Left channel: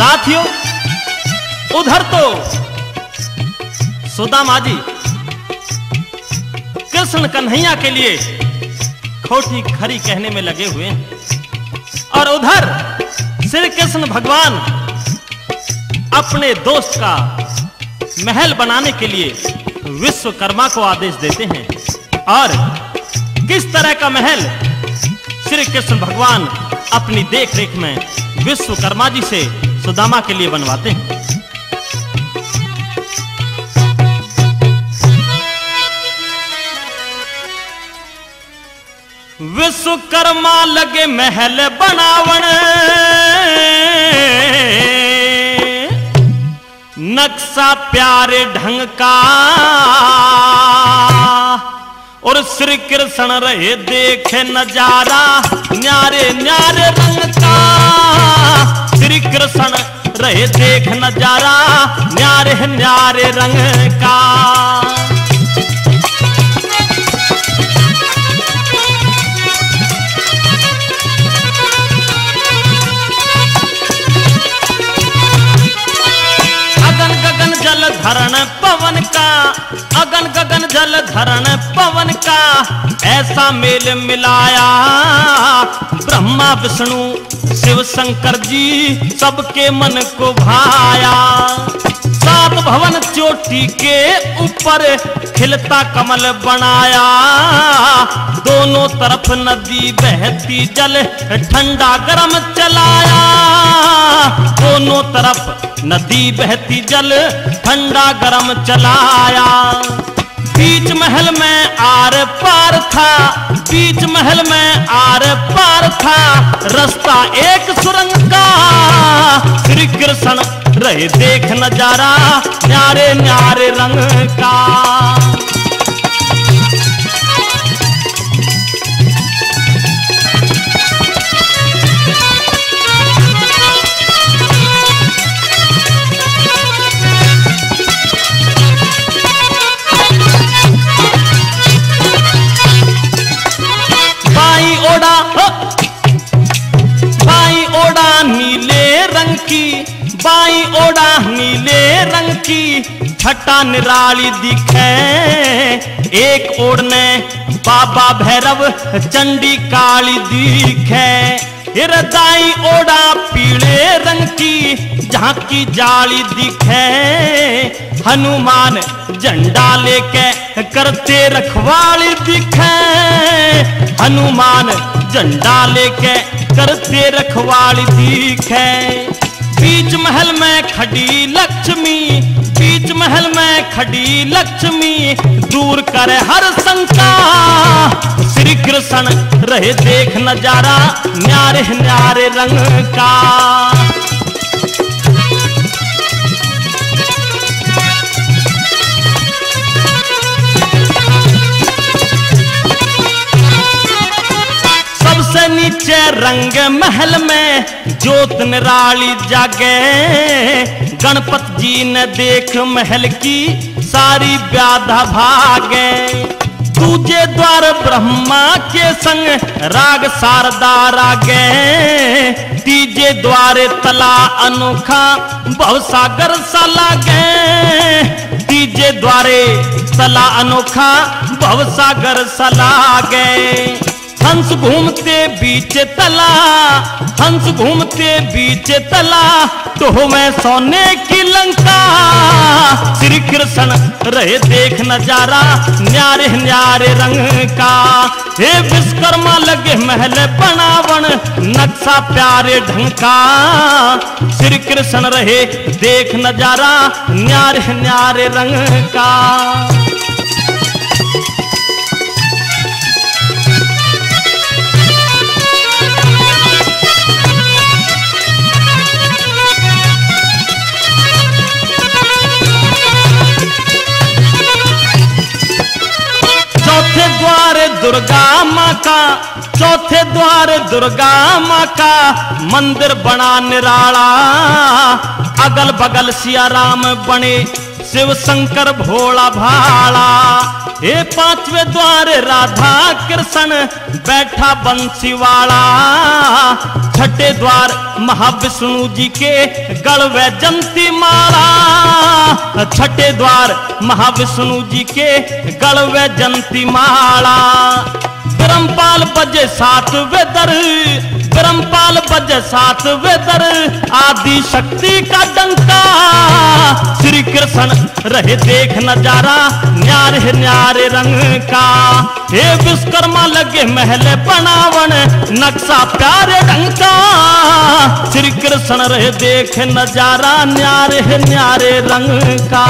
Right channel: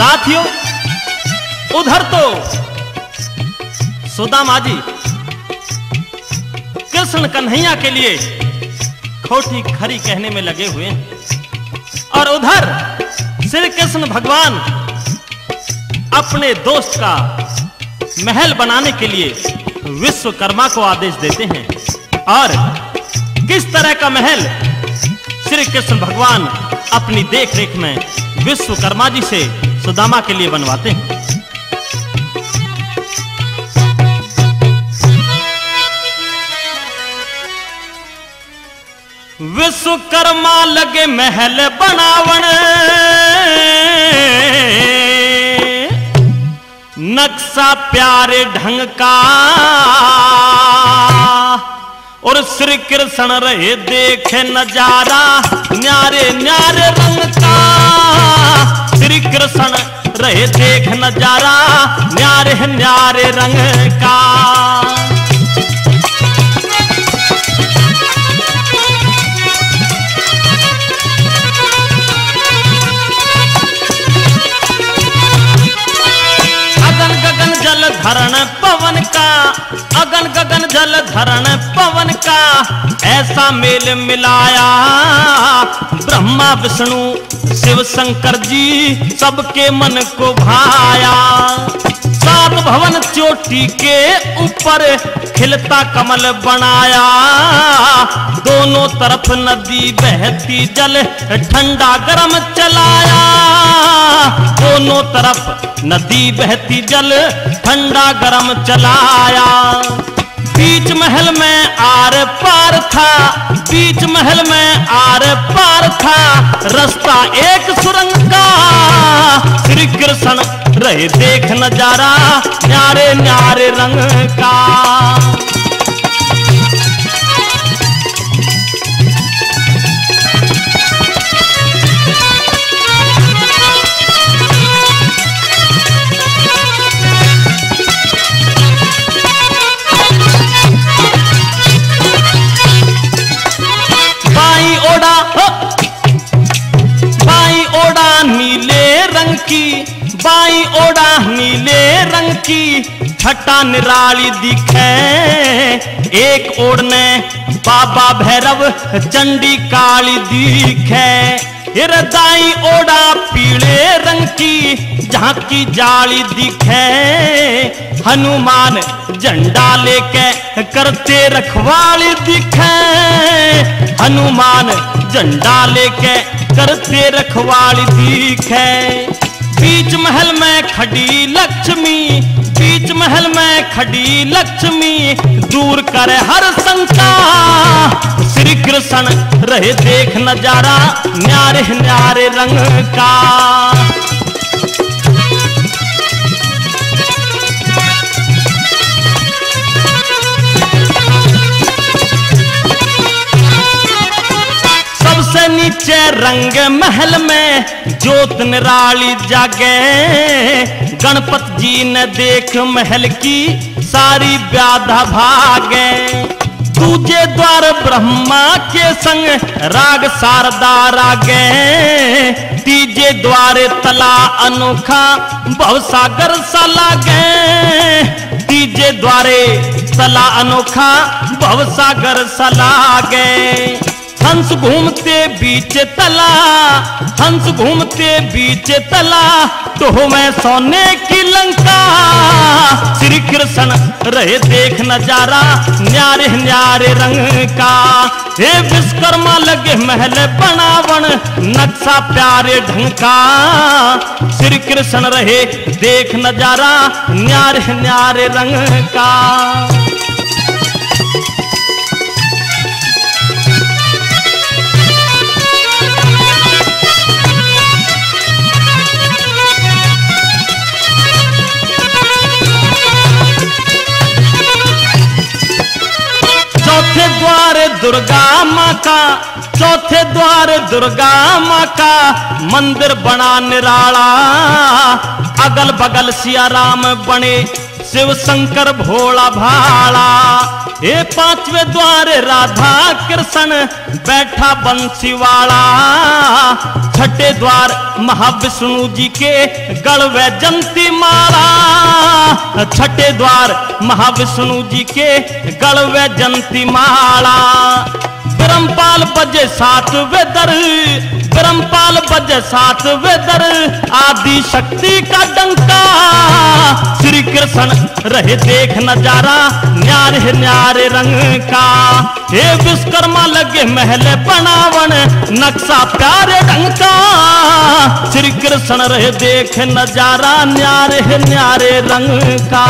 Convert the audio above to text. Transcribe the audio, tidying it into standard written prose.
साथियों, उधर तो सुदामा जी कृष्ण कन्हैया के लिए खोटी खरी कहने में लगे हुए हैं, और उधर श्री कृष्ण भगवान अपने दोस्त का महल बनाने के लिए विश्वकर्मा को आदेश देते हैं। और किस तरह का महल श्री कृष्ण भगवान अपनी देखरेख में विश्वकर्मा जी से सुदामा के लिए बनवाते हैं। विश्वकर्मा लगे महल बनावन, नक्शा प्यारे ढंग का, और श्री कृष्ण रहे देखे नजारा न्यारे न्यारे रंग का। श्री कृष्ण रहे देख नजारा न्यारे न्यारे रंग का। जल धरण पवन का, अगन गगन जल धरण पवन का, ऐसा मेल मिलाया ब्रह्मा विष्णु शिव शंकर जी सबके मन को भाया। सात भवन चोटी के ऊपर खिलता कमल बनाया, दोनों तरफ नदी बहती जल ठंडा गरम चलाया। दोनों तरफ नदी बहती जल ठंडा गरम चलाया। बीच महल में आर पार था, बीच महल में आर पार था, रास्ता एक सुरंग का। श्री कृष्ण रहे देख नजारा न्यारे न्यारे रंग का। बाई ओड़ा नीले रंग की, छटा निराली दिखे। एक ओढ़ने बाबा भैरव चंडी काली दिखे। दाई ओड़ा पीले रंग की, जहाँ की जाली दिखे। हनुमान झंडा लेके करते रखवाली दिखे। हनुमान झंडा लेके करते रखवाली दिखे। बीच महल में खड़ी लक्ष्मी, बीच महल में खड़ी लक्ष्मी, दूर करे हर शंका। श्री कृष्ण रहे देख नजारा न्यारे न्यारे रंग का। सबसे नीचे रंग महल में ज्योत निराली जागे। गणपत जी ने देख महल की सारी व्याधा भागे। दूजे द्वार ब्रह्मा के संग राग शारदा रागे। तीजे द्वारे तला अनोखा भवसागर सा लागे। तीजे द्वारे तला अनोखा भवसागर सा लागे। हंस घूमते बीच तला, हंस घूमते बीच तला, तो मैं सोने की लंका। श्री कृष्ण रहे देख नजारा न्यारे न्यारे रंग का। हे विश्वकर्मा लगे महल बनावन, नक्शा प्यारे ढंग का। श्री कृष्ण रहे देख नजारा न्यारे न्यारे रंग का। चौथे द्वार दुर्गा माँ का, चौथे द्वार दुर्गा माँ का मंदिर बना निराला, अगल बगल सिया राम बने शिव शंकर भोला भाला। ये पांचवें द्वार राधा कृष्ण बैठा बंसी वाला, छठे द्वार महाविष्णु जी के गढ़ वैजंती माला, छठे द्वार महाविष्णु जी के गढ़ वैजंती माला। ब्रह्मपाल बजे सातवें दर, ब्रह्मपाल बजे सातवें दर, आदि शक्ति का डंका, श्री कृष्ण रहे देख नजारा न्यारे न्यारे रंग का। हे विश्वकर्मा लगे महल बनावन, नक्शा प्यारे रंग का, श्री कृष्ण रहे देख नजारा न्यारे न्यारे रंग का।